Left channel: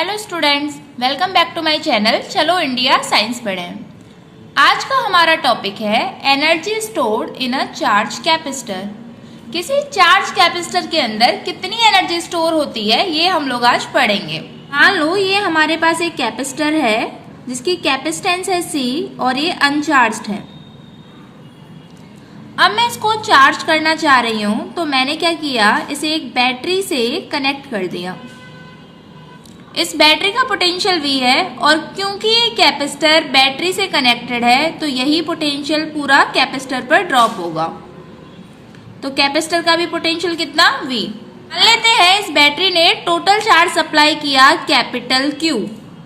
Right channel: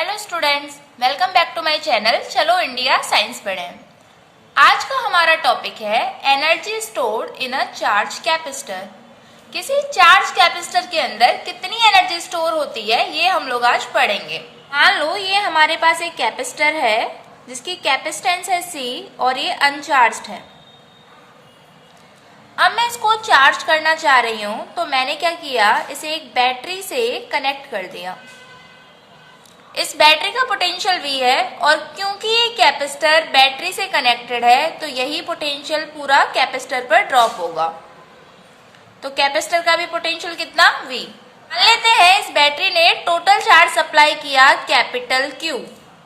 Hello students, welcome back to my channel. चलो India science पढ़ें। आज का हमारा टॉपिक है energy stored in a charge capacitor. किसी चार्ज कैपेसिटर के अंदर कितनी एनर्जी स्टोर होती है ये हम लोग आज पढ़ेंगे। मान लो ये हमारे पास एक कैपेसिटर है जिसकी कैपेसिटेंस है C और ये अनचार्ज्ड है। अब मैं इसको चार्ज करना चाह रही हूँ तो मैंने क्या किया, इसे एक बैटरी से कनेक्ट कर दिया। इस बैटरी का पोटेंशियल V है और क्योंकि ये कैपेसिटर बैटरी से कनेक्टेड है तो यही पोटेंशियल पूरा कैपेसिटर पर ड्रॉप होगा। तो कैपेसिटर का भी पोटेंशियल कितना V। मान लेते हैं इस बैटरी ने टोटल चार्ज सप्लाई किया कैपिटल Q,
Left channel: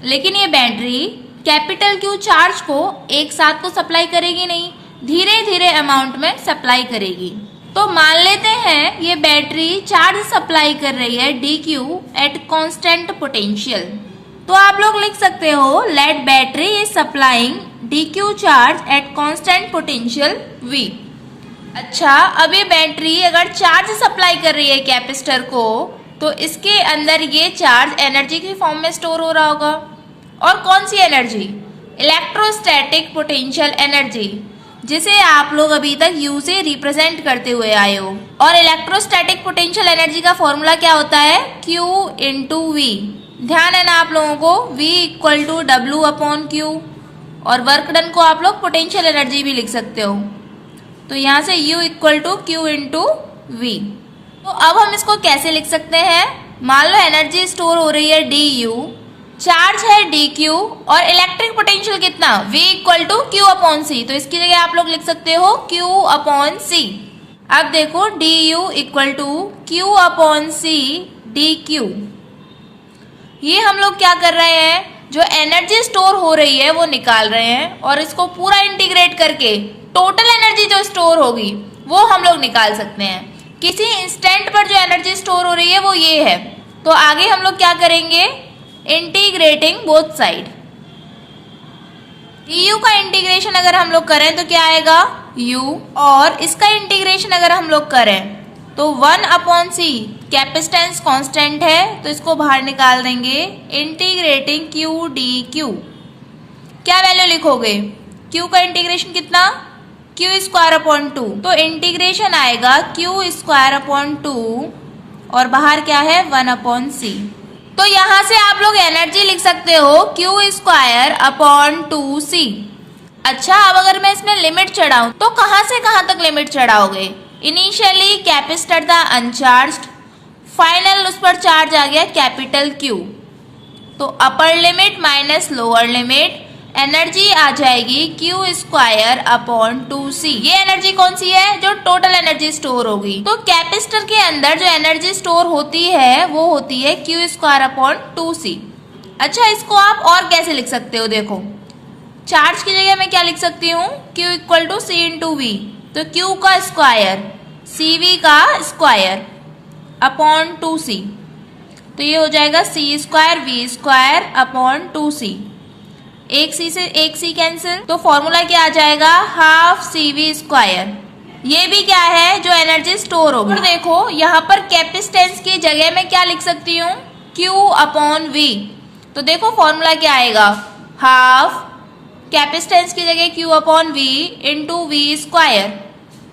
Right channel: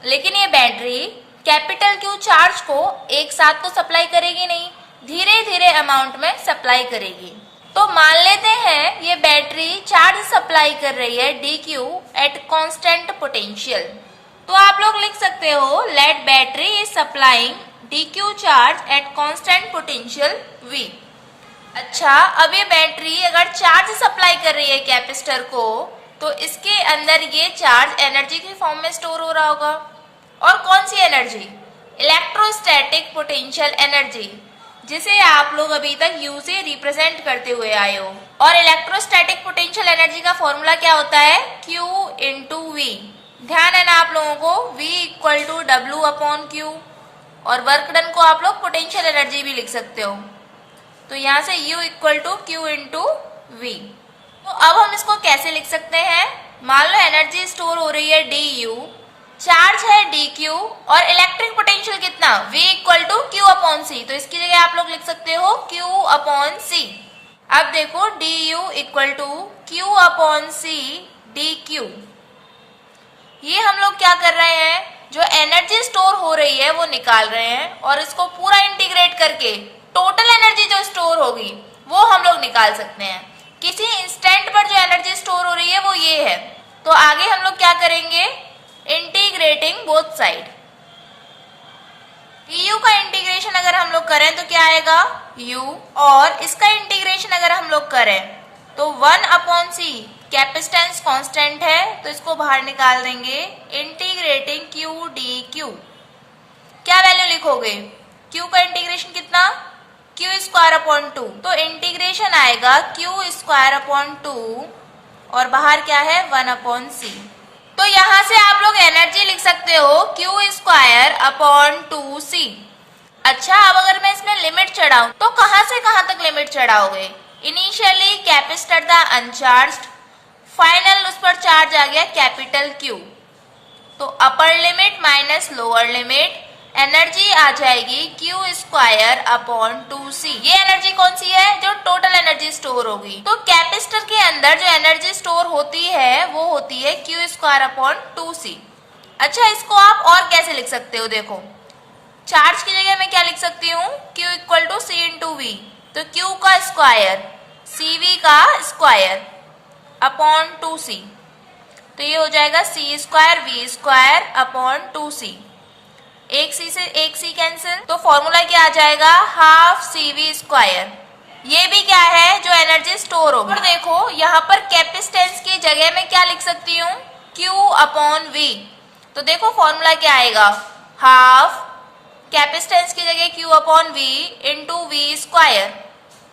लेकिन ये बैटरी कैपिटल Q चार्ज को एक साथ तो सप्लाई करेगी नहीं, धीरे धीरे अमाउंट में सप्लाई करेगी। तो मान लेते हैं ये बैटरी चार्ज सप्लाई कर रही है dQ एट कांस्टेंट पोटेंशियल। तो आप लोग लिख सकते हो let battery is supplying dQ charge at constant potential V। अच्छा, अब ये बैटरी अगर चार्ज सप्लाई कर रही है कैपेसिटर को तो इसके अंदर ये चार्ज एनर्जी के फॉर्म में स्टोर हो रहा होगा। और कौन सी एनर्जी? इलेक्ट्रोस्टैटिक पोटेंशियल एनर्जी, जिसे आप लोग अभी तक U से रिप्रेजेंट करते हुए आए हो। और इलेक्ट्रोस्टैटिक पोटेंशियल एनर्जी का फॉर्मूला क्या होता है? Q into V। ध्यान है ना आप लोगों को, V equal to W upon Q। और वर्क डन को आप लोग पोटेंशियल एनर्जी भी लिख सकते हो। तो यहाँ से U equal to Q into V। तो अब हम इसको कैसे लिख सकते हैं? मान लो एनर्जी स्टोर हो रही है DU, चार्ज है dQ और इलेक्ट्रिक पोटेंशियल कितना? V equal to Q upon C। तो इसकी जगह आप लोग लिख सकते हो Q अपॉन C। अब देखो DU equal to Q upon C dQ। ये हम लोग क्या कर रहे हैं, जो एनर्जी स्टोर हो रही है वो निकाल रहे हैं और इसको पूरा इंटीग्रेट करके टोटल एनर्जी जो स्टोर होगी वो हम लोग निकाल सकते हैं। किसी इंस्टेंट पर जो एनर्जी स्टोर हो रही है वो ये है। तो आगे हम लोग क्या करेंगे, इंटीग्रेटिंग बोथ साइड। du का इंटीग्रेशन अगर हम लोग करें तो क्या आएगा u, और इसका इंटीग्रेशन अगर हम लोग करें तो 1 अपॉन C, कैपेसिटेंस कांस्टेंट है तो इसको बाहर निकाल देंगे। इंटीग्रेटिंग q dq, क्या वैल्यू लिखोगे? q का इंटीग्रेशन कितना? q square upon 2। तो इंटीग्रेशन आएगा q स्क्वायर अपॉन 2 और बाहर क्या है 1 अपॉन C। तो यहाँ से आप लोग एनर्जी लिख सकते हो Q स्क्वायर अपॉन 2C। अच्छा, अब अगर मैं इसमें लिमिट चढ़ाऊं तो कहाँ से कहाँ तक लिमिट चढ़ाओगे? इनिशियली कैपेसिटर था अनचार्ज्ड, फाइनल उस पर चार्ज आ गया कैपिटल Q। तो upper limit minus lower limit, energy आ जाएगी Q स्क्वायर अपॉन 2C। ये एनर्जी कौन सी है? जो टोटल एनर्जी स्टोर होगी। तो कैपेसिटर के अंदर जो एनर्जी स्टोर होती है वो होती है Q स्क्वायर अपॉन 2C। अच्छा, इसको आप और कैसे लिख सकते हो? देखो, चार्ज की जगह मैं क्या लिख सकती हूँ? Q equal to C into V। तो Q का स्क्वायर CV का स्क्वायर अपॉन 2C। तो ये हो जाएगा C square V square upon 2C। एक C से एक C कैंसिल, तो फॉर्मूला क्या आ जाएगा? Half CV square. ये भी क्या है? जो एनर्जी स्टोर होगी। और देखो यहाँ पर कैपेसिटेंस की जगह में क्या लिख सकती हूँ? Q upon V। तो देखो फॉर्मूला क्या आएगा? हाफ कैपेसिटेंस की जगह Q upon V into V square.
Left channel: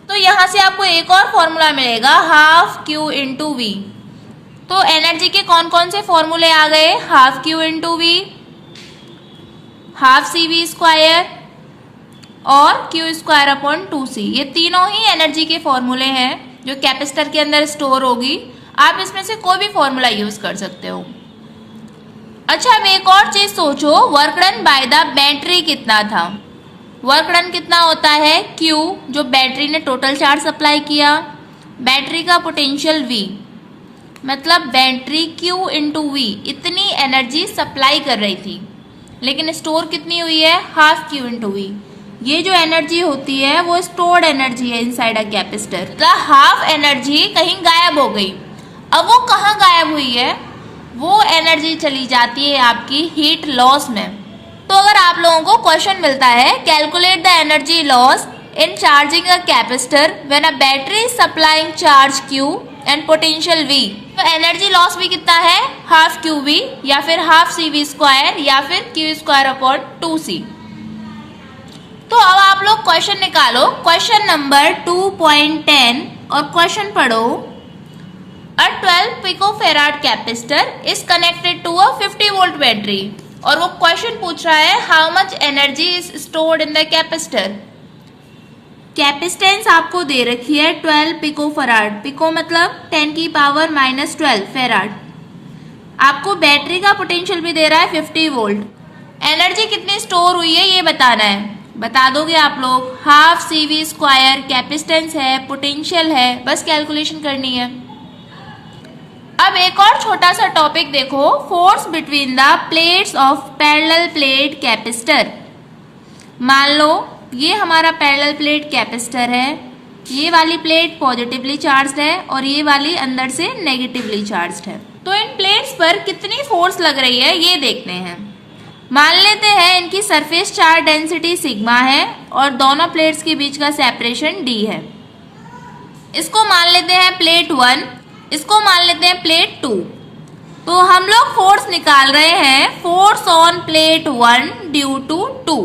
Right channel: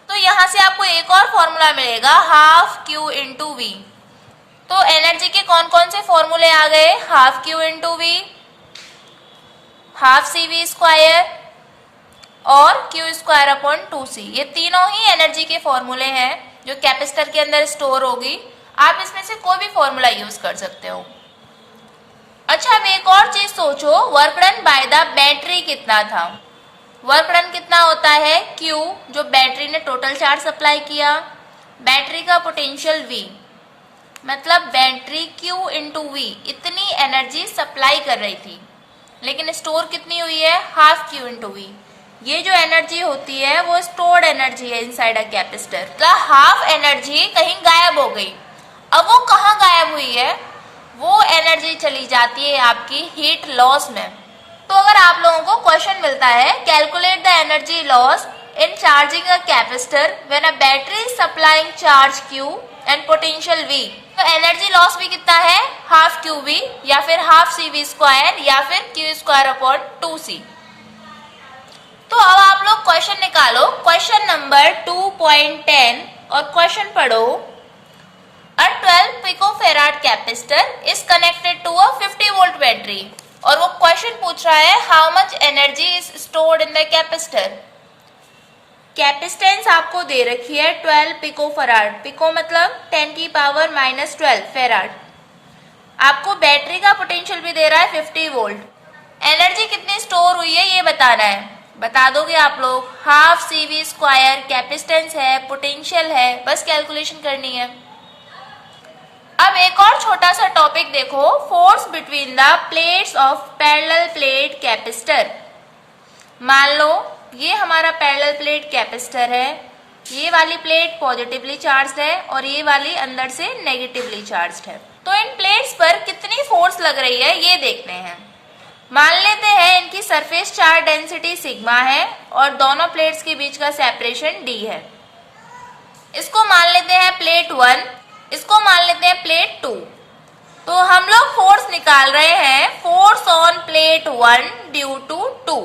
तो यहाँ से आपको एक और फॉर्मूला मिलेगा, हाफ Q इंटू V। तो एनर्जी के कौन कौन से फॉर्मूले आ गए? Half Q into V, half CV square और Q स्क्वायर अपॉन 2C। ये तीनों ही एनर्जी के फॉर्मूले हैं जो कैपेसिटर के अंदर स्टोर होगी। आप इसमें से कोई भी फॉर्मूला यूज कर सकते हो। अच्छा, अब एक और चीज सोचो, work done by the battery कितना था? वर्क डन कितना होता है? Q, जो बैटरी ने टोटल चार्ज सप्लाई किया, बैटरी का पोटेंशियल V, मतलब बैटरी Q इंटू V इतनी एनर्जी सप्लाई कर रही थी, लेकिन स्टोर कितनी हुई है? Half Q into V। ये जो एनर्जी होती है वो स्टोर्ड एनर्जी है इनसाइड अ कैपेसिटर। मतलब हाफ एनर्जी कहीं गायब हो गई। अब वो कहाँ गायब हुई है? वो एनर्जी चली जाती है आपकी हीट लॉस में। तो अगर आप लोगों को क्वेश्चन मिलता है calculate the energy loss in charging a capacitor when a battery is supplying charge Q and potential V, तो एनर्जी लॉस भी कितना है, हाफ क्यू वी या फिर हाफ सी वी स्क्वायर या फिर क्यू स्क्वायर अपॉन 2c। तो अब आप लोग क्वेश्चन निकालो, क्वेश्चन नंबर 2.10 और क्वेश्चन पढ़ो। A 12 picofarad capacitor is connected to a 50 volt battery और वो क्वेश्चन पूछ रहा है how much energy is stored in the capacitor। Capacitance आपको दे रखी है 12 पिकोफराड, पिको मतलब 10 की पावर -12 फेराड। आपको बैटरी का पोटेंशियल भी दे रहा है 50 वोल्ट। एनर्जी कितनी स्टोर हुई है ये बताना है, बता दोगे आप लोग। Half C V square capacitance है, पोटेंशियल है, बस कैलकुलेशन करनी है। अब एक और छोटा सा टॉपिक देखो, force between the plates of parallel plate capacitor. मान लो ये हमारा पैरेलल प्लेट कैपेसिटर है, ये वाली प्लेट पॉजिटिवली चार्ज्ड है और ये वाली अंदर से नेगेटिवली चार्ज्ड है। तो इन प्लेट्स पर कितनी फोर्स लग रही है ये देखते हैं। मान लेते हैं इनकी सरफेस चार्ज डेंसिटी सिग्मा है और दोनों प्लेट्स के बीच का सेपरेशन d है। इसको मान लेते हैं प्लेट 1, इसको मान लेते हैं प्लेट 2। तो हम लोग फोर्स निकाल रहे हैं, force on plate 1 due to 2।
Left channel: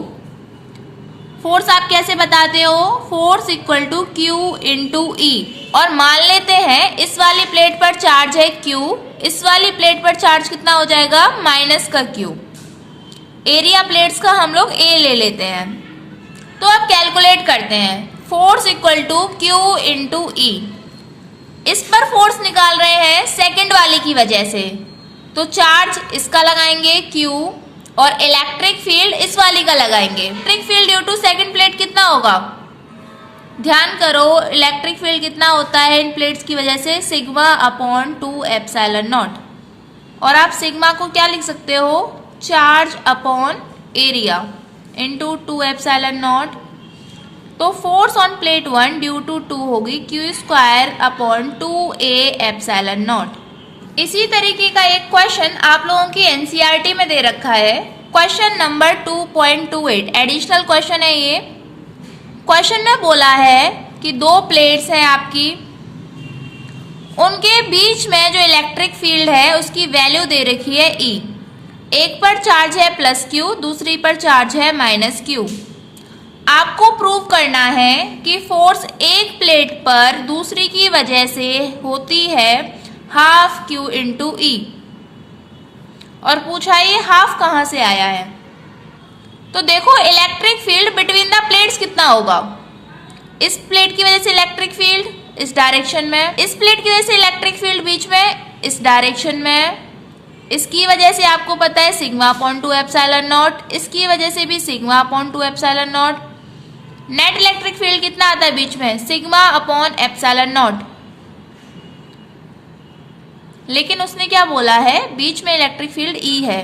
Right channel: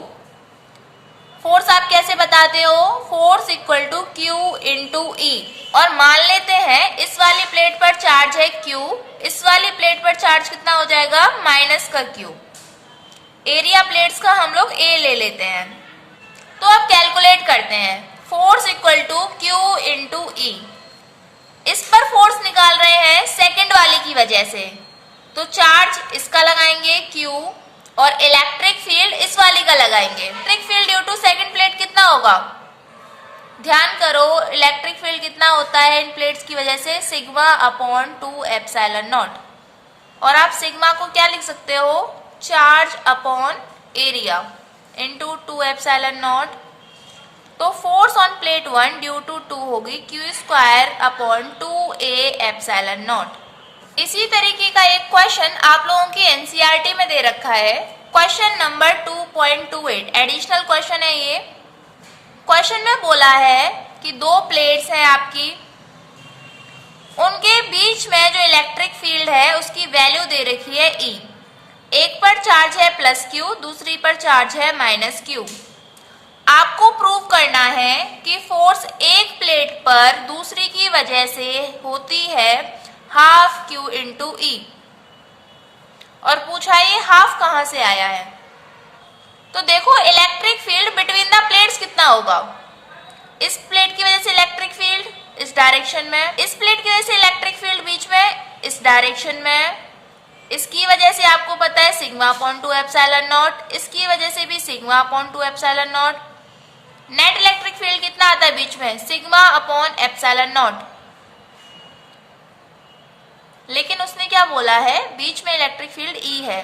Force आप कैसे बताते हो, force equal to Q into E। और मान लेते हैं इस वाली प्लेट पर चार्ज है Q, इस वाली प्लेट पर चार्ज कितना हो जाएगा, माइनस का Q। एरिया प्लेट्स का हम लोग A ले लेते हैं। तो अब कैलकुलेट करते हैं, force equal to Q into E। इस पर फोर्स निकाल रहे हैं सेकंड वाली की वजह से, तो चार्ज इसका लगाएंगे Q और इलेक्ट्रिक फील्ड इस वाली का लगाएंगे। Electric field due to second plate कितना होगा, ध्यान करो, इलेक्ट्रिक फील्ड कितना होता है इन प्लेट्स की वजह से, सिग्मा अपॉन 2 एप्सिलॉन नॉट। और आप सिग्मा को क्या लिख सकते हो, charge upon area into 2 epsilon naught. तो force on plate 1 due to 2 होगी Q square upon 2a epsilon naught. इसी तरीके का एक क्वेश्चन आप लोगों की एनसीईआरटी में दे रखा है, क्वेश्चन नंबर 2.28, एडिशनल क्वेश्चन है ये। क्वेश्चन में बोला है कि दो प्लेट्स हैं आपकी, उनके बीच में जो इलेक्ट्रिक फील्ड है उसकी वैल्यू दे रखी है E। एक पर चार्ज है +Q, दूसरी पर चार्ज है -Q। आपको प्रूव करना है कि फोर्स एक प्लेट पर दूसरी की वजह से होती है हाफ Q इंटू E। और पूछा ये हाफ कहां से आया है, तो देखो electric field between the plates कितना होगा। इस प्लेट की वजह से इलेक्ट्रिक फील्ड इस डायरेक्शन में, इस प्लेट की वजह से इलेक्ट्रिक फील्ड बीच में इस डायरेक्शन में। इसकी वजह से आपको पता है सिग्मा अपॉन 2 एप्सिलॉन नॉट, इसकी वजह से भी sigma upon 2 epsilon not. Net electric field कितना आता है बीच में, सिग्मा अपॉन एप्सिलॉन नॉट। लेकिन उसने क्या बोला है, बीच में इलेक्ट्रिक फील्ड E है,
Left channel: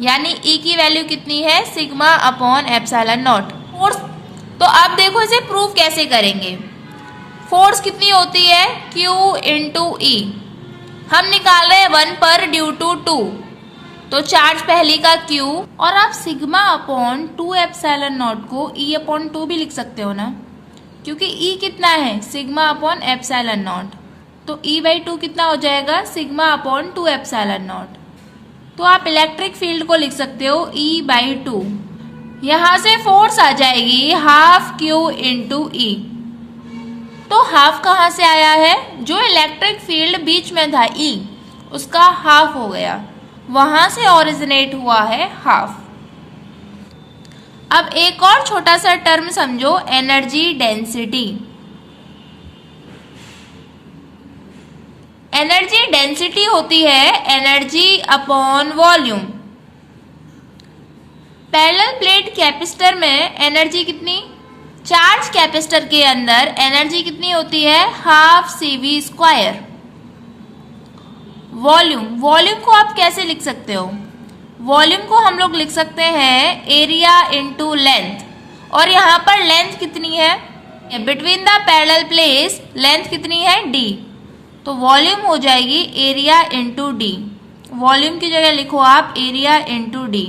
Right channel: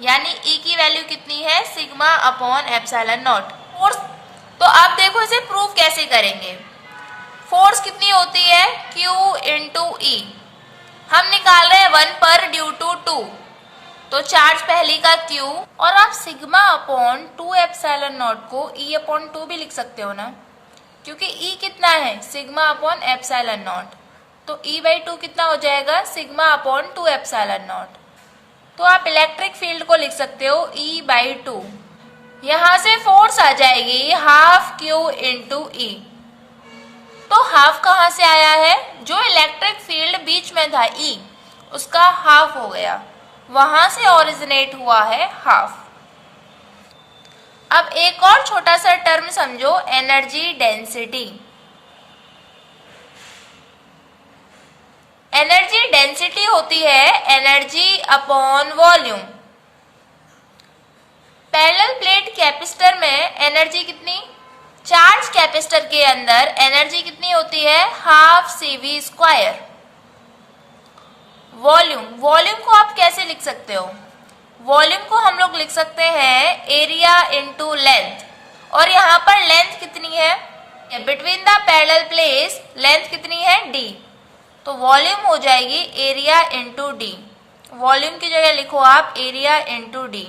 यानी E की वैल्यू कितनी है, sigma upon epsilon not. Force, तो आप देखो इसे प्रूव कैसे करेंगे। फोर्स कितनी होती है, Q इंटू E। हम निकाल रहे हैं 1 पर ड्यू टू 2, तो चार्ज पहली का Q और आप सिग्मा अपॉन 2 एप्सिलॉन नॉट को E अपॉन 2 भी लिख सकते हो ना, क्योंकि E कितना है, सिग्मा अपॉन एप्सिलॉन नॉट। तो E/2 कितना हो जाएगा, सिग्मा अपॉन 2 एप्सिलॉन नॉट। तो आप इलेक्ट्रिक फील्ड को लिख सकते हो E/2। यहां से फोर्स आ जाएगी हाफ Q इंटू E। तो हाफ कहां से आया है, जो इलेक्ट्रिक फील्ड बीच में था E उसका हाफ हो गया, वहां से ओरिजिनेट हुआ है हाफ। अब एक और छोटा सा टर्म समझो, एनर्जी डेंसिटी। एनर्जी डेंसिटी होती है energy upon volume. Parallel plate capacitor में एनर्जी कितनी, चार्ज कैपेसिटर के अंदर एनर्जी कितनी होती है, half CV square. Volume, volume को आप कैसे लिख सकते हो, वॉल्यूम को हम लोग लिख सकते हैं एरिया इंटू लेंथ। और यहाँ पर लेंथ कितनी है, between the parallel plates length कितनी है, D। तो वॉल्यूम हो जाएगी एरिया इंटू D। वॉल्यूम की जगह लिखो आप एरिया इंटू D।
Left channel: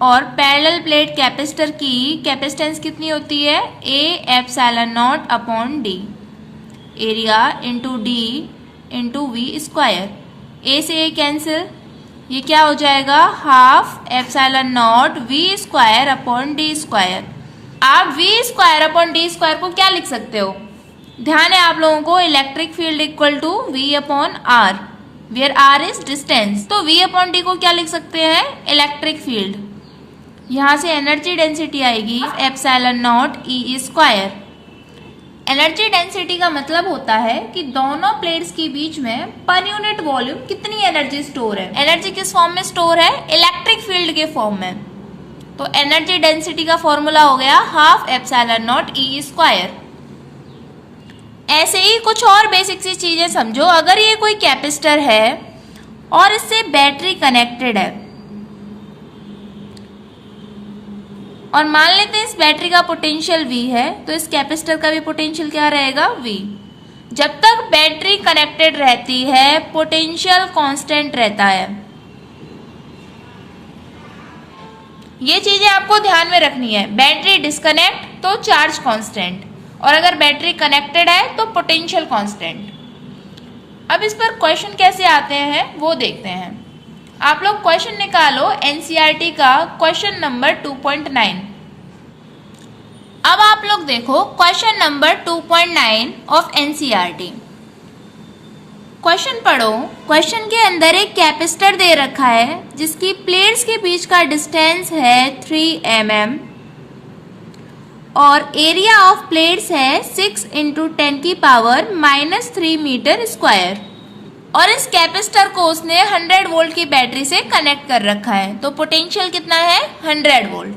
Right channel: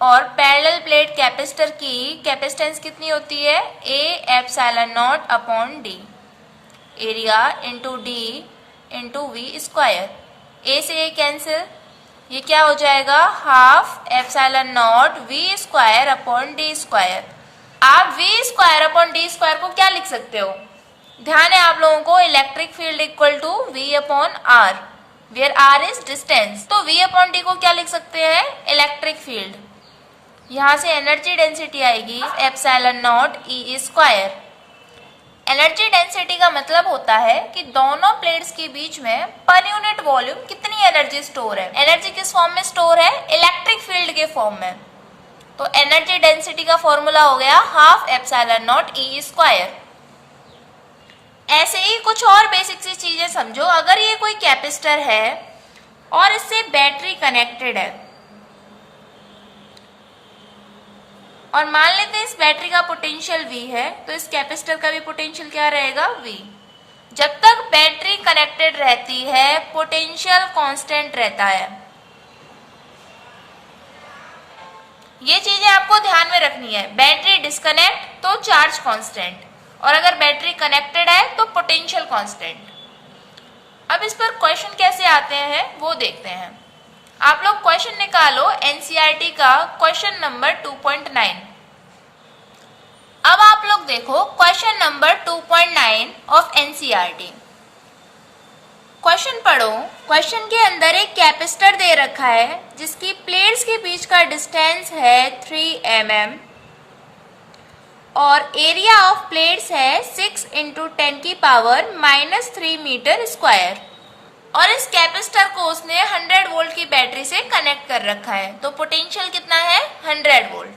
और पैरेलल प्लेट कैपेसिटर की कैपेसिटेंस कितनी होती है, A epsilon naught upon D। Area into D into V square. A से ए कैंसिल, ये क्या हो जाएगा, half epsilon naught V square upon D square. आप V square upon D square को क्या लिख सकते हो, ध्यान है आप लोगों को, electric field equal to V upon R, where R is distance. तो वी अपॉन डी को क्या लिख सकते हैं, इलेक्ट्रिक फील्ड। यहां से एनर्जी डेंसिटी आएगी epsilon naught E square. Energy density का मतलब होता है कि दोनों प्लेट्स के बीच में पर यूनिट वॉल्यूम कितनी एनर्जी स्टोर है। एनर्जी किस फॉर्म में स्टोर है, इलेक्ट्रिक फील्ड के फॉर्म में। तो एनर्जी डेंसिटी का फॉर्मूला हो गया half epsilon naught E square. ऐसे ही कुछ और बेसिक सी चीजें समझो। अगर ये कोई कैपेसिटर है और इससे बैटरी कनेक्टेड है और मान लेते हैं इस बैटरी का पोटेंशियल V है, तो इस कैपेसिटर का भी पोटेंशियल क्या रहेगा, V। जब तक बैटरी कनेक्टेड रहती है पोटेंशियल कांस्टेंट रहता है। ये चीजें आपको ध्यान में रखनी है। बैटरी डिस्कनेक्ट तो चार्ज कांस्टेंट, और अगर बैटरी कनेक्टेड है तो पोटेंशियल कांस्टेंट। अब इस पर क्वेश्चन कैसे आते हैं वो देखते हैं। आप लोग क्वेश्चन निकालो एनसीईआरटी का क्वेश्चन नंबर 2.9। अब आप लोग देखो question number 2.9 of NCERT. Question पढ़ो। क्वेश्चन के अंदर एक कैपेसिटर दे रखा है जिसकी प्लेट्स के बीच का डिस्टेंस है 3 mm और एरिया ऑफ प्लेट्स है 6 × 10⁻³ मीटर स्क्वायर, और इस कैपेसिटर को उसने 100 वोल्ट की बैटरी से कनेक्ट कर रखा है। तो पोटेंशियल कितना है, 100 वोल्ट।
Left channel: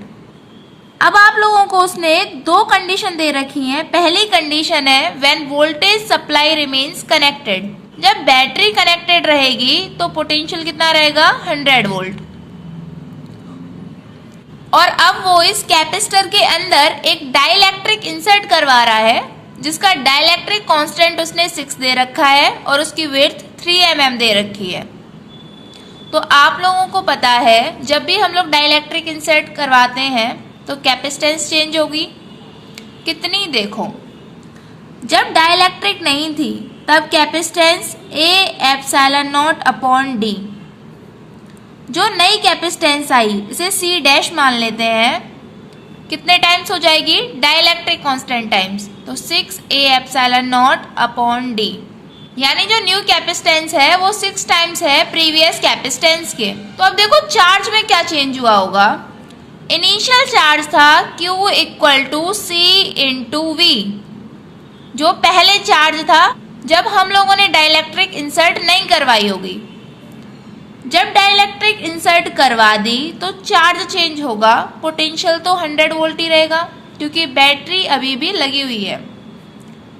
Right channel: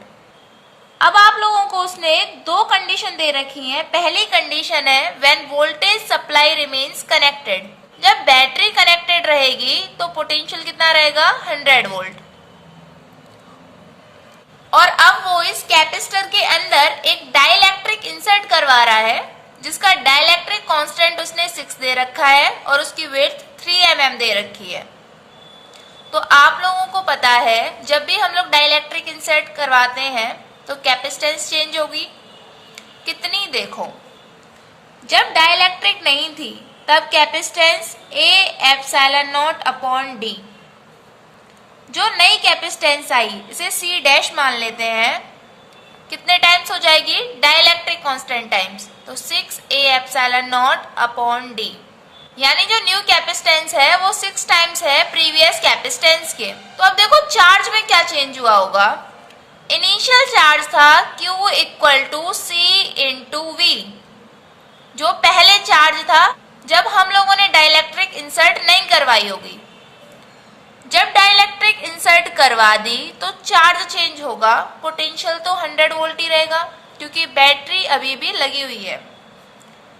अब आप लोगों को उसने दो कंडीशन दे रखी है। पहली कंडीशन है when voltage supply remains connected, जब बैटरी कनेक्टेड रहेगी तो पोटेंशियल कितना रहेगा, 100 वोल्ट। और अब वो इस कैपेसिटर के अंदर एक डाइलेक्ट्रिक इंसर्ट करवा रहा है जिसका डाइलेक्ट्रिक कांस्टेंट उसने 6 दे रखा है और उसकी विड्थ 3 mm दे रखी है। तो आप लोगों को पता है जब भी हम लोग डाइलेक्ट्रिक इंसर्ट करवाते हैं तो कैपेसिटेंस चेंज होगी कितनी, देखो जब डाइलेक्ट्रिक नहीं थी तब capacitance A epsilon naught upon D। जो नई कैपेसिटेंस आई इसे C' मान लेते हैं, कितने टाइम्स हो जाएगी, डाइलेक्ट्रिक कांस्टेंट टाइम्स, तो 6A epsilon naught upon D। यानी जो न्यू कैपेसिटेंस है वो 6 टाइम्स है प्रीवियस कैपेसिटेंस के। तो अब देखो चार्ज में क्या चेंज हुआ होगा। इनिशियल चार्ज था Q = C × V, जो पहले चार्ज था जब हम लोगों ने डाइलेक्ट्रिक इंसर्ट नहीं करवाई होगी। जब डाइलेक्ट्रिक इंसर्ट करवा दी तो चार्ज चेंज होगा, पोटेंशियल तो 100 वोल्ट ही रहेगा क्योंकि बैटरी अभी भी लगी हुई है।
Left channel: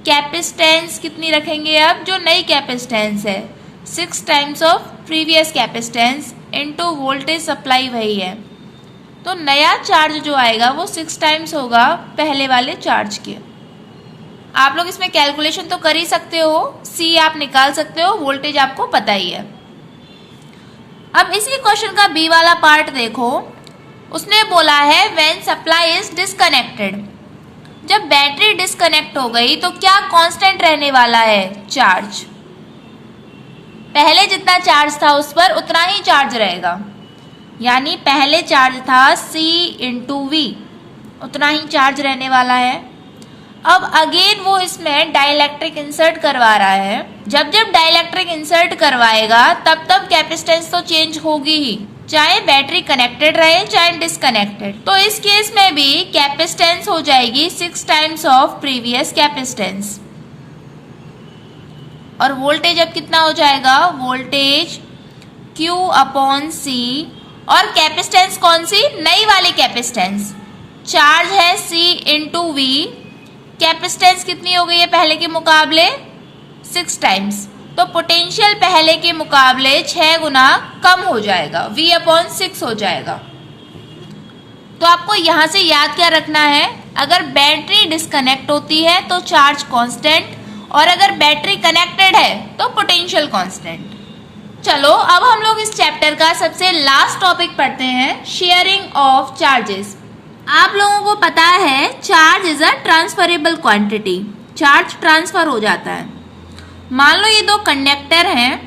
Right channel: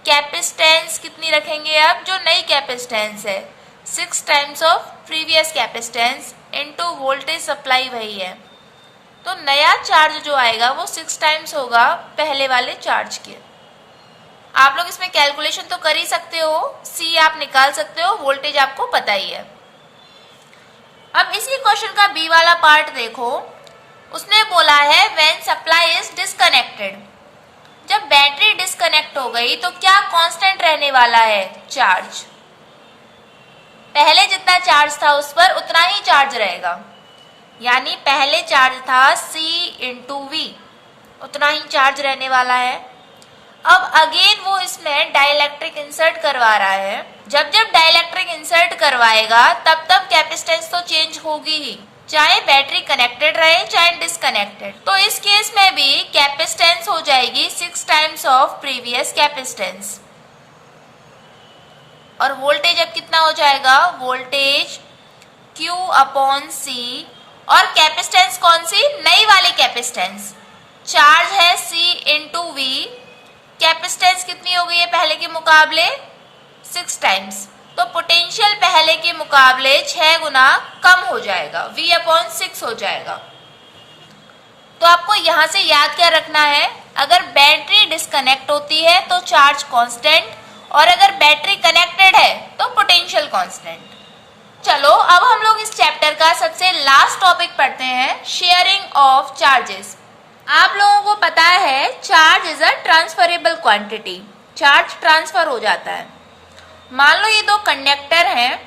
कैपेसिटेंस कितनी रखेंगे, अब जो नई कैपेसिटेंस है 6 times of previous capacitance into voltage supply वही है, तो नया चार्ज जो आएगा वो 6 टाइम्स होगा पहले वाले चार्ज के। आप लोग इसमें कैलकुलेशन तो कर ही सकते हो, C आप निकाल सकते हो, वोल्टेज आपको पता ही है। अब इसी क्वेश्चन का B वाला पार्ट देखो। उसने बोला है व्हेन सप्लाई इज डिस्कनेक्टेड, जब बैटरी डिस्कनेक्ट हो गई तो क्या कांस्टेंट रहने वाला है, चार्ज। पहले जितना चार्ज था उस पर उतना ही चार्ज रहेगा, यानी पहले चार्ज था C × V, उतना ही चार्ज रहने वाला है। अब अगेन वो इसमें डाइलेक्ट्रिक इंसर्ट करवा रहा है। जब जब डाइलेक्ट्रिक इंसर्ट करवाएगा तब तब कैपेसिटेंस तो चेंज होगी ही, चाहे बैटरी कनेक्टेड रहे चाहे डिस्कनेक्टेड। तो इस केस में भी कैपेसिटेंस हो जाएगी 6 टाइम्स ऑफ प्रीवियस कैपेसिटेंस। और वोल्टेज अब कितना हो जाएगा, वोल्टेज Q/C, और कैपेसिटेंस कौन सी, नई वाली कैपेसिटेंस। चार्ज है C × V, कैपेसिटेंस कितनी हो गई है पहले के मुकाबले, 6 टाइम्स, तो पोटेंशियल पहले के मुकाबले 6 गुना कम हो जाएगा, V/6 हो जाएगा। तो आपको यहां से याद क्या रखना है, अगर बैटरी डिस्कनेक्ट होती है तो चार्ज कांस्टेंट, और अगर बैटरी कनेक्टेड है तो पोटेंशियल कांस्टेंट। चलो अब हम लोग इस चैप्टर का सबसे लास्ट टॉपिक पढ़ते हैं, शेयरिंग ऑफ चार्जेस। आप लोगों को पता है charge is a transferable quantity, charge transfer हो जाता है। मान लो ये दो कंडक्टर हैं,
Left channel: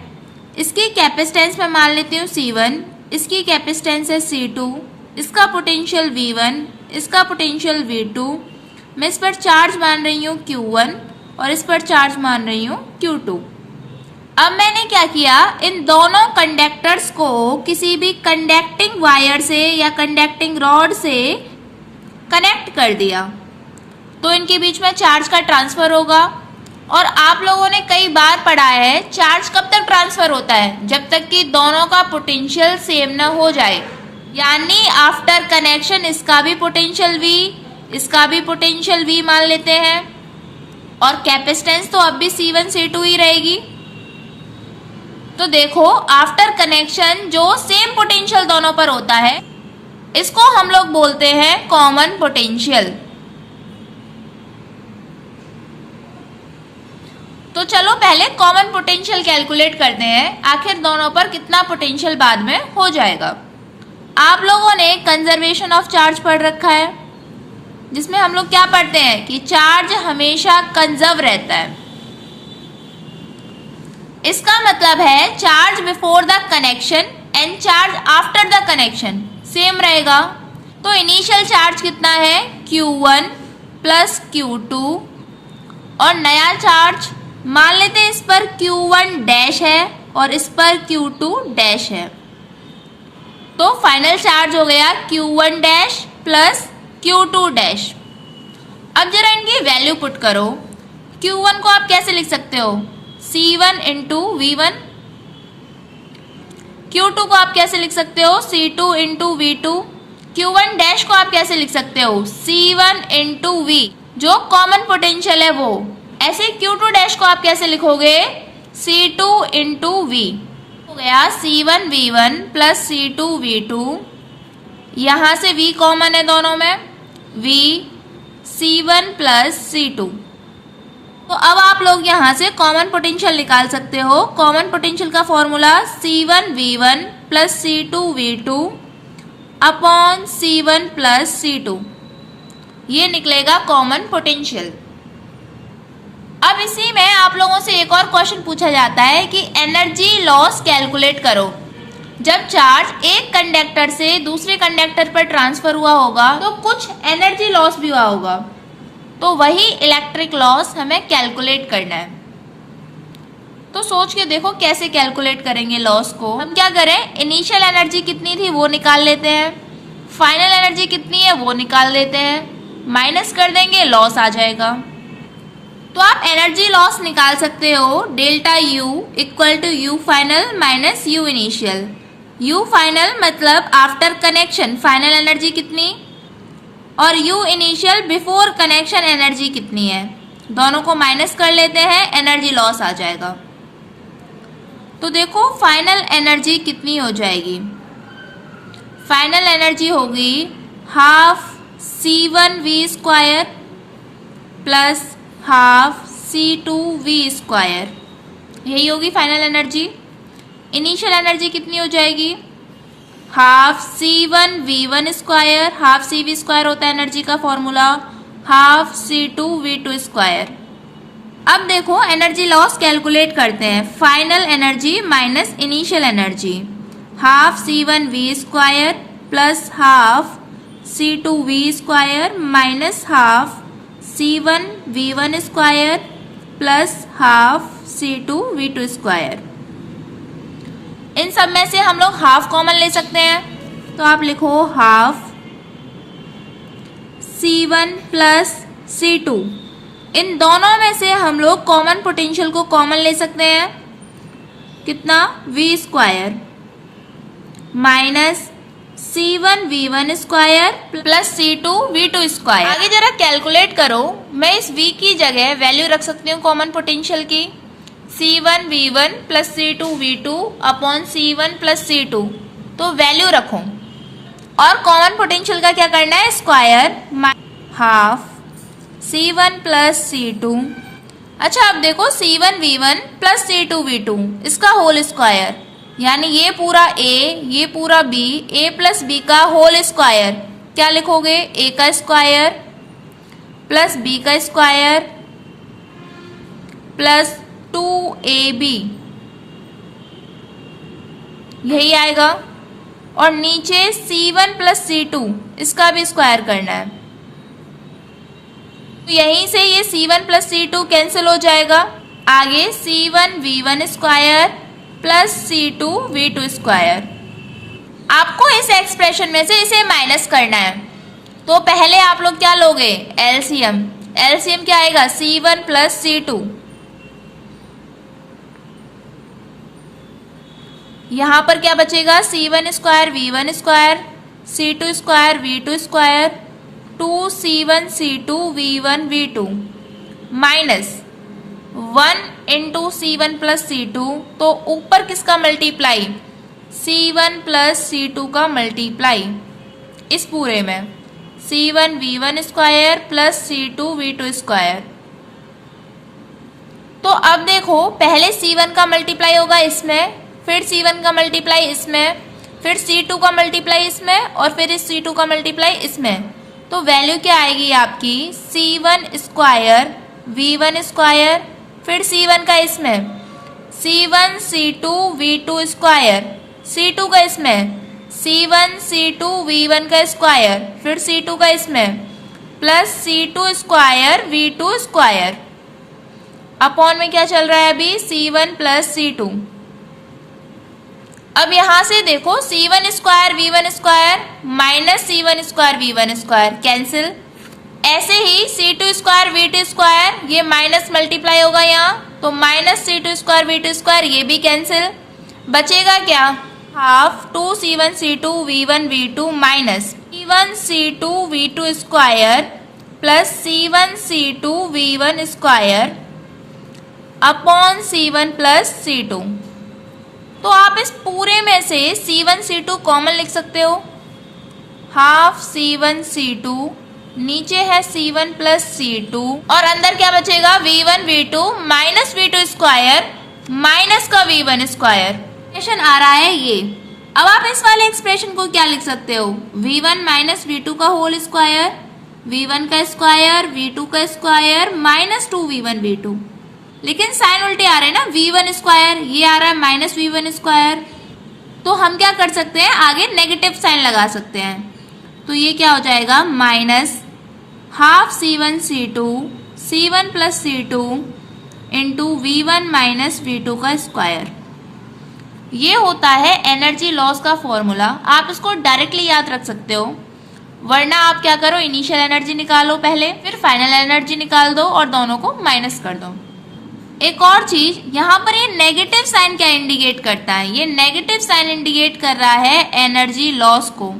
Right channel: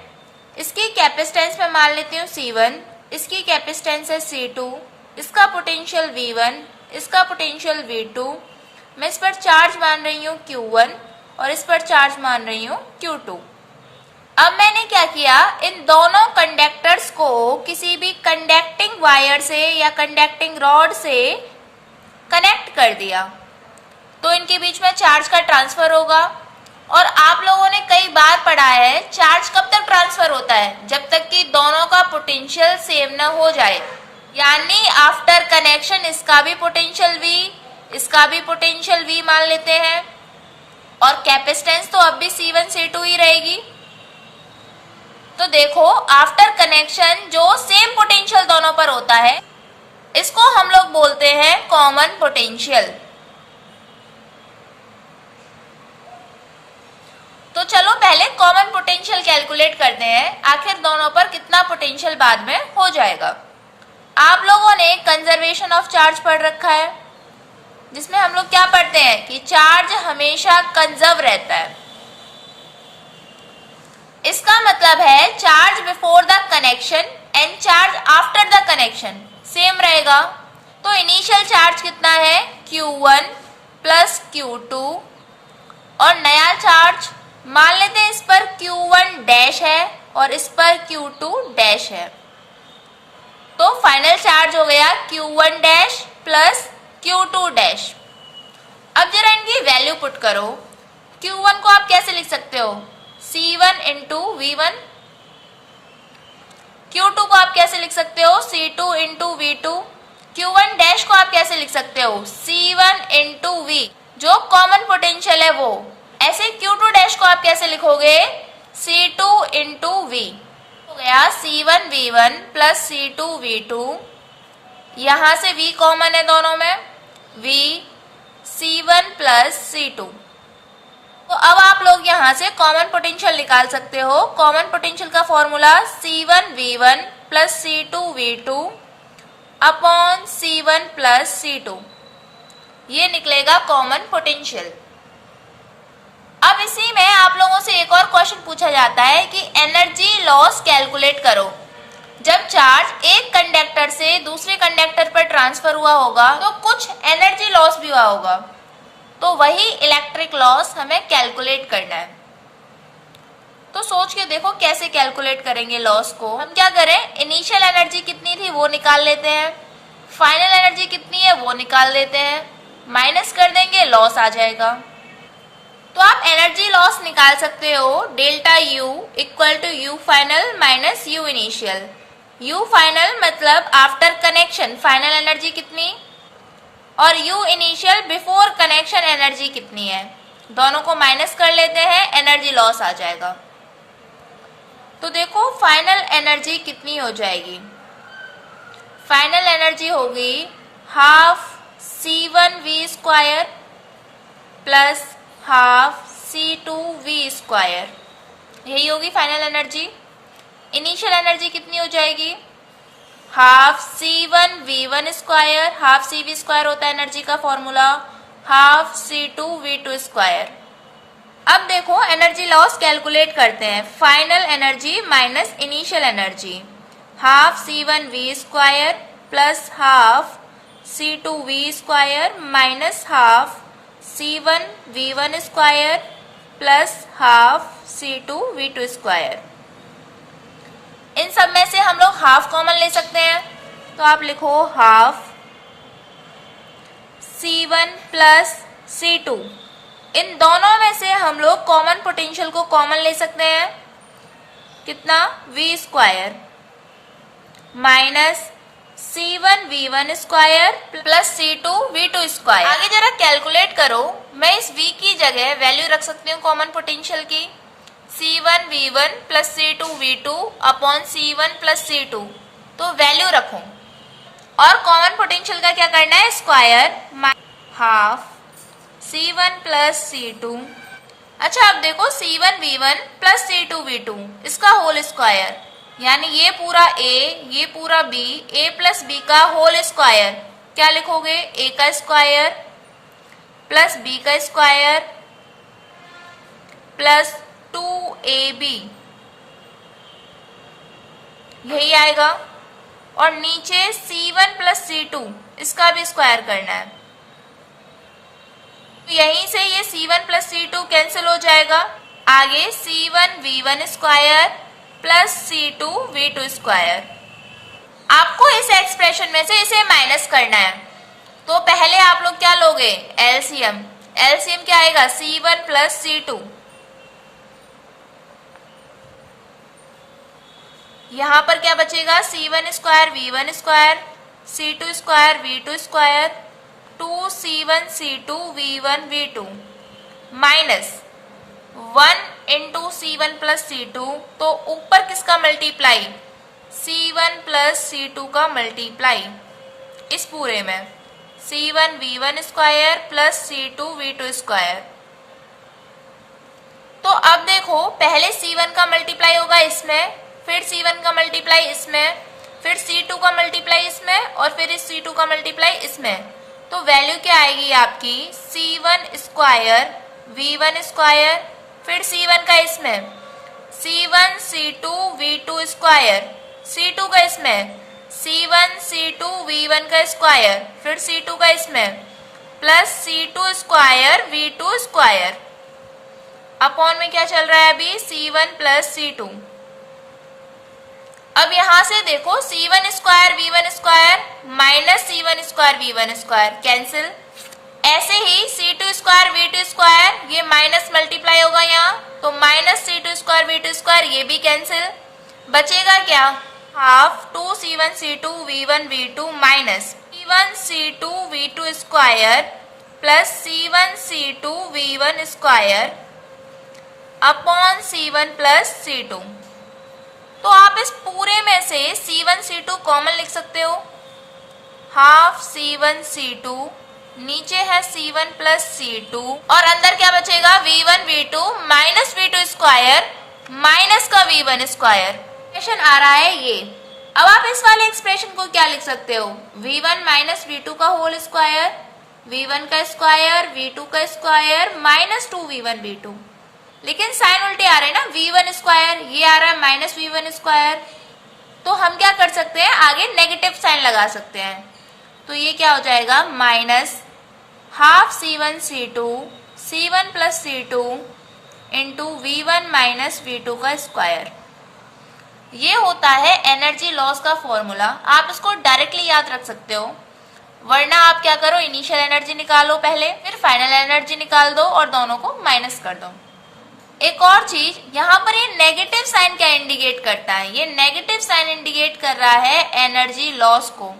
इसकी कैपेसिटेंस मैं मान लेती हूँ C1, इसकी कैपेसिटेंस है C2, इसका पोटेंशियल V1, इसका पोटेंशियल V2। मैं इस पर चार्ज मान रही हूँ Q1 और इस पर चार्ज मान रही हूँ Q2। अब मैंने क्या किया, इन दोनों कंडक्टर्स को किसी भी कंडक्टिंग वायर से या कंडक्टिंग रॉड से कनेक्ट कर दिया, तो इनके बीच में चार्ज का ट्रांसफर होगा। और आप लोगों ने कई बार पढ़ा है, चार्ज कब तक ट्रांसफर होता है, जब तक कि दोनों का पोटेंशियल सेम ना हो जाए। यानी आफ्टर कनेक्शन इसका भी पोटेंशियल V, इसका भी पोटेंशियल V मान लेते हैं, और कैपेसिटेंस तो अब भी C1 C2 ही रहेगी। तो देखो, आफ्टर कनेक्शन जो सेम पोटेंशियल दोनों पर होता है, इसको हम लोग बोलते हैं कॉमन पोटेंशियल। तो चलो पहले कॉमन पोटेंशियल कैलकुलेट करते हैं, आखिर दोनों पर कितना पोटेंशियल बाद में हो जाएगा। आप लोगों ने कंजर्वेशन ऑफ चार्ज पढ़ रखा है, जिसमें हम लोग क्या पढ़ते हैं कि चार्ज हमेशा कंजर्व रहता है। इसका मतलब है charge before the connection and charge after the connection same रहेगा। तो इनिशियल चार्ज कितना है, Q1 प्लस Q2, और नया चार्ज मान लेते हैं इस पर Q1 डैश है और इस पर Q2 डैश है। तो फाइनल चार्ज हो गया Q1 dash plus Q2 dash. अब जरा इनकी वैल्यू पुट करो। Q1 को आप कैसे लिख सकते हो, C1 इंटू V1। Q2 को आप कैसे लिख सकते हो, C2 into V2। Q1 dash को आप कैसे लिख सकते हो, C1 इंटू V, जो कॉमन पोटेंशियल है वो। ऐसे Q2 डैश को आप कैसे लिखोगे, C2 इंटू V। हो गया C1 V1 plus C2 V2। यहां से V कॉमन है दोनों में, V C1 प्लस C2। तो अब आप लोग यहां से कॉमन पोटेंशियल निकाल सकते हो। कॉमन पोटेंशियल का formula C1 V1 plus C2 V2 upon C1 plus C2, ये निकलेगा कॉमन पोटेंशियल। अब इसी में आप लोगों से एक और क्वेश्चन पूछा जाता है कि एनर्जी लॉस कैलकुलेट करो। जब चार्ज एक कंडक्टर से दूसरे कंडक्टर पर ट्रांसफर हुआ होगा तो कुछ एनर्जी लॉस भी हुआ होगा, तो वही इलेक्ट्रिक लॉस हमें कैलकुलेट करना है। तो सोच के देखो कैसे कैलकुलेट करेंगे लॉस को। हम क्या करें, इनिशियल एनर्जी कितनी थी वो निकाल लेते हैं, फाइनल एनर्जी कितनी है वो निकाल लेते हैं, माइनस कर देंगे, लॉस आ जाएगा। तो आप एनर्जी लॉस निकाल सकते हो, डेल्टा U इक्वल टू U final minus U initial. U final मतलब आफ्टर कनेक्शन फाइनल एनर्जी कितनी, और U initial before connection energy कितनी है, दोनों को माइनस कर लेते हैं, एनर्जी लॉस आ जाएगा। तो देखो फाइनल एनर्जी कितनी हो जाएगी, फाइनल एनर्जी होगी half C1V square plus half C2V square, यही होगी फाइनल एनर्जी। इनिशियल एनर्जी कितनी हो जाएगी, half C1V1 square, half CV square होता है एनर्जी का फॉर्मूला, हाफ C2V2 स्क्वायर। अब देखो एनर्जी लॉस कैलकुलेट करते हैं, final energy minus initial energy, half C1V square plus half C2V square minus half C1V1 square plus half C2V2 square. इन सब में से हम लोग हाफ कॉमन ले सकते हैं, तो आप लिखो हाफ C1 प्लस C2। इन दोनों में से हम लोग कॉमन पोटेंशियल को कॉमन ले सकते हैं, कितना, V square minus C1V1 square plus C2V2 square. आगे जरा कैलकुलेट करो, मैं इस V की जगह वैल्यू रख सकती हूँ कॉमन पोटेंशियल की, C1V1 plus C2V2 upon C1 plus C2, तो वैल्यू रखो और कॉमन पोटेंशियल का क्या करना है, square half C1 plus C2। अच्छा अब देखो C1V1 प्लस C2V2 इसका होल स्क्वायर, यानी ये पूरा A ये पूरा B, A प्लस B का होल स्क्वायर, क्या लिखोगे, A का स्क्वायर प्लस B का स्क्वायर प्लस 2ab, यही आएगा। और नीचे C1 प्लस C2, इसका भी स्क्वायर करना है। तो यहीं से ये C1 प्लस C2 कैंसिल हो जाएगा। आगे C1 V1 square plus C2 V2 square. आपको इस एक्सप्रेशन में से इसे माइनस करना है, तो पहले आप लोग क्या लोगे, एलसीएम। एलसीएम क्या आएगा, C1 प्लस C2। यहां पर क्या बचेगा, C1 square V1 square, C2 square V2 square, 2C1 C2 V1 V2 minus 1 into C1 plus C2। तो ऊपर किसका मल्टीप्लाई, C1 प्लस C2 का मल्टीप्लाई, इस पूरे में C1 V1 square plus C2 V2 square. तो अब देखो, पहले C1 का मल्टीप्लाई होगा इसमें, फिर C1 का मल्टीप्लाई इसमें, फिर C2 का मल्टीप्लाई इसमें, और फिर इस C2 का मल्टीप्लाई इसमें। तो वैल्यू क्या आएगी आपकी, C1 स्क्वायर V1 स्क्वायर, फिर C1 का इसमें, C1 C2 V2 square, C2 का इसमें, C1 C2 V1 का स्क्वायर, फिर C2 का इसमें, plus C2 square V2 square. Upon में क्या चल रहा है अभी, C1 प्लस C2। अब यहां से देखो, C1 square V1 square minus C1 square V1 square cancel. ऐसे ही C2 स्क्वायर V2 स्क्वायर, ये माइनस मल्टीप्लाई होगा यहाँ, तो minus C2 square V2 square, ये भी कैंसिल। बचेगा क्या, half 2C1 C2 V1 V2 minus C1 C2 V2 square plus C1 C2 V1 square upon C1 plus C2। तो आप इस पूरे में से C1 C2 कॉमन लिख सकते हो, हाफ C1 C2, नीचे है C1 प्लस C2, और अंदर क्या बचेगा, V1 V2 minus V2 square minus का V1 स्क्वायर। एक्सप्रेशन आ रहा है ये। अब आप इस वाले एक्सप्रेशन को क्या लिख सकते हो, V1 माइनस V2 का होल स्क्वायर, V1 का स्क्वायर V2 का स्क्वायर माइनस 2V1 V2। लेकिन साइन उल्टे आ रहे हैं ना, V1 स्क्वायर, ये आ रहा है माइनस V1 स्क्वायर। तो हम क्या कर सकते हैं, आगे नेगेटिव साइन लगा सकते हैं। तो ये क्या हो जाएगा, minus half C1 C2 C1 plus C2 into V1 minus V2 का स्क्वायर। ये होता है एनर्जी लॉस का फॉर्मूला। आप इसको डायरेक्टली याद रख सकते हो, वरना आप क्या करो, इनिशियल एनर्जी निकालो पहले, फिर फाइनल एनर्जी निकाल दो और दोनों को माइनस कर दो। एक और चीज, यहाँ पर ये नेगेटिव साइन क्या इंडिकेट करता है, ये नेगेटिव साइन इंडिकेट कर रहा है एनर्जी लॉस को।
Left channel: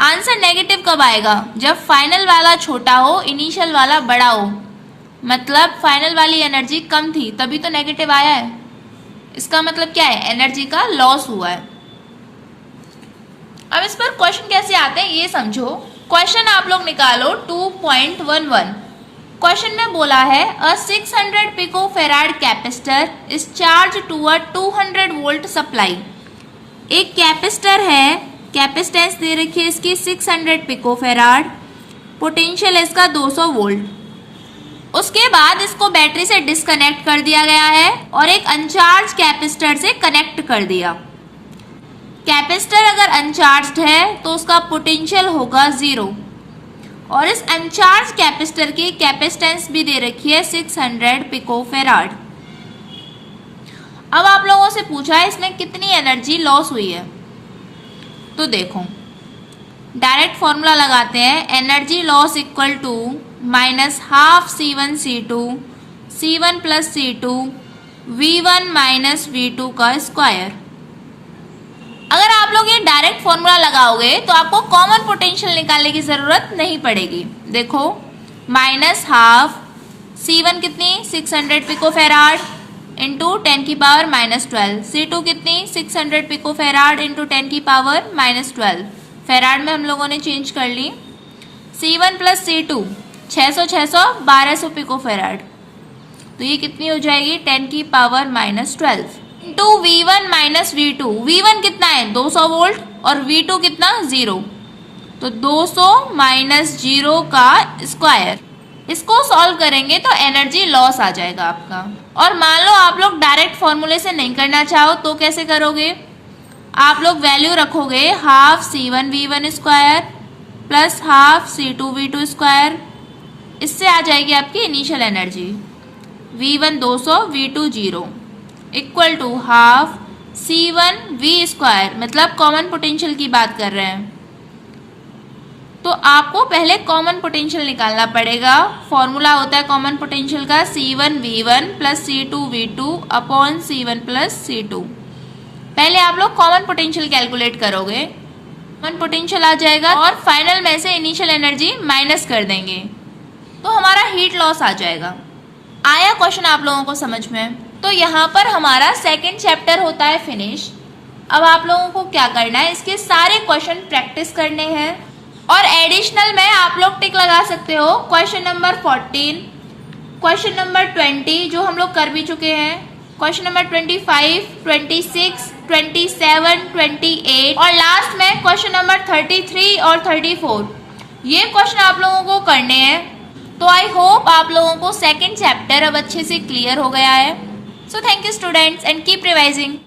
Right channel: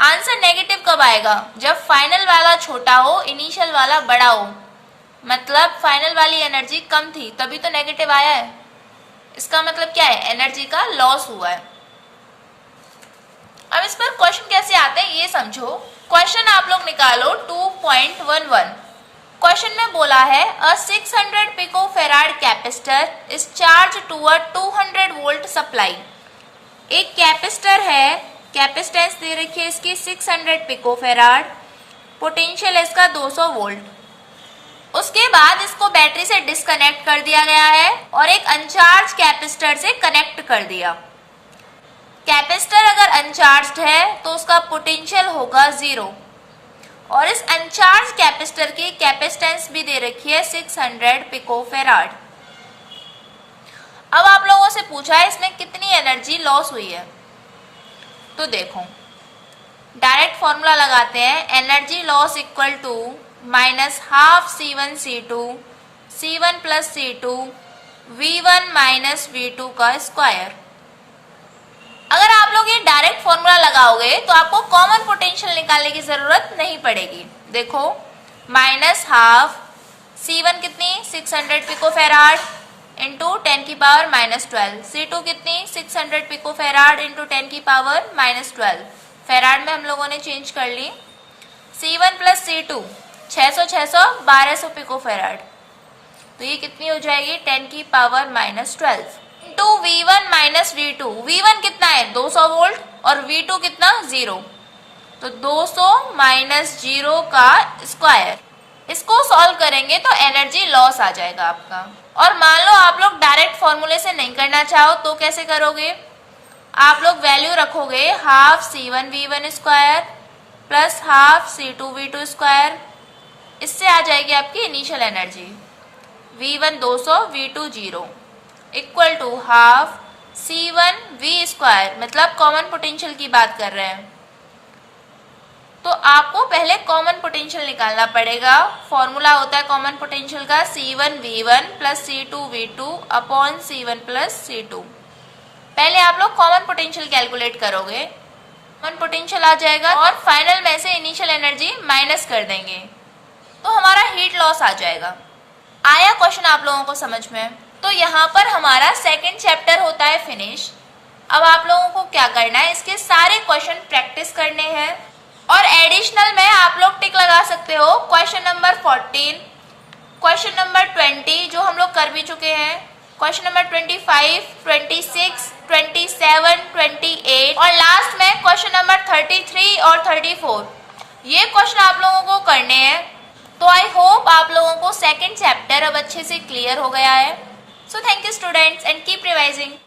आंसर नेगेटिव कब आएगा, जब फाइनल वाला छोटा हो, इनिशियल वाला बड़ा हो। मतलब फाइनल वाली एनर्जी कम थी, तभी तो नेगेटिव आया है। इसका मतलब क्या है, एनर्जी का लॉस हुआ है। अब इस पर क्वेश्चन कैसे आते हैं ये समझो। क्वेश्चन आप लोग निकालो 2.11। क्वेश्चन में बोला है, a 600 picofarad capacitor is charge to a 200 volt supply. एक कैपेसिटर है, कैपेसिटेंस दे रखी है इसकी 600 पिकोफेराड, पोटेंशियल है इसका 200 वोल्ट। उसके बाद इसको बैटरी से डिस्कनेक्ट कर दिया गया है और एक अनचार्ज कैपेसिटर से कनेक्ट कर दिया। कैपेसिटर अगर अनचार्ज्ड है तो उसका पोटेंशियल होगा 0, और इस अनचार्ज कैपेसिटर की कैपेसिटेंस भी दे रखी है 600 पिकोफेराड। अब आप लोगों से पूछा है इसमें कितनी एनर्जी लॉस हुई है। तो देखो, डायरेक्ट फॉर्मूला लगाते हैं, energy loss equal to minus half C1 C2 C1 plus C2 V1 minus V2 का स्क्वायर। अगर आप लोग ये डायरेक्ट फॉर्मूला लगाओगे तो आपको कॉमन पोटेंशियल निकालने की जरूरत नहीं पड़ेगी। देखो, माइनस हाफ C1 कितनी 600 पिकोफेराड इंटू 10 की पावर माइनस 12, C2 कितनी 600 पिकोफेराड इंटू 10 की पावर माइनस 12, फेराड में हम लोगों ने चेंज कर ली। C1 प्लस C2 600 600 1200 पिकोफेराड, तो ये कितनी हो जाएगी 10 की power minus 12 into V1 minus V2। V1 कितना है 200 वोल्ट और V2 कितना 0, तो 200 माइनस 0 का स्क्वायर। इसको सॉल्व करेंगे तो एनर्जी लॉस आ जाएगा आपका। और मान लो आप लोग डायरेक्ट फॉर्मूले से नहीं करना चाहो तो कैसे करोगे, आप लोग वैल्यू रखोगे half C1V1 square plus half C2V2 square, इससे आ जाएगी आपकी initial energy V1 200 V2 0 equal to half C1V square, मतलब कॉमन पोटेंशियल की बात कर रहे हैं तो आपको पहले कॉमन पोटेंशियल निकालना पड़ेगा। फॉर्मूला होता है कॉमन पोटेंशियल का C1V1 plus C2V2 upon C1 plus C2। पहले आप लोग कॉमन पोटेंशियल कैलकुलेट करोगे, कॉमन पोटेंशियल आ जाएगा और फाइनल में से इनिशियल एनर्जी माइनस कर देंगे तो हमारा हीट लॉस आ जाएगा। आया क्वेश्चन आप लोगों को समझ में? तो यहाँ पर हमारा सेकेंड चैप्टर होता है फिनिश। अब आप लोगों को क्या करना है, इसके सारे क्वेश्चन प्रैक्टिस करने हैं और एडिशनल में आप लोग टिक लगा सकते हो क्वेश्चन नंबर 14, क्वेश्चन नंबर 20 जो हम लोग कर भी चुके हैं, क्वेश्चन नंबर 25, 26, 27, 28 और लास्ट में क्वेश्चन नंबर 33 और 34। ये क्वेश्चन आप लोगों को करने हैं। तो आई होप आप लोगों को सेकेंड चैप्टर अब अच्छे से क्लियर हो गया है। So thank you students and keep revising.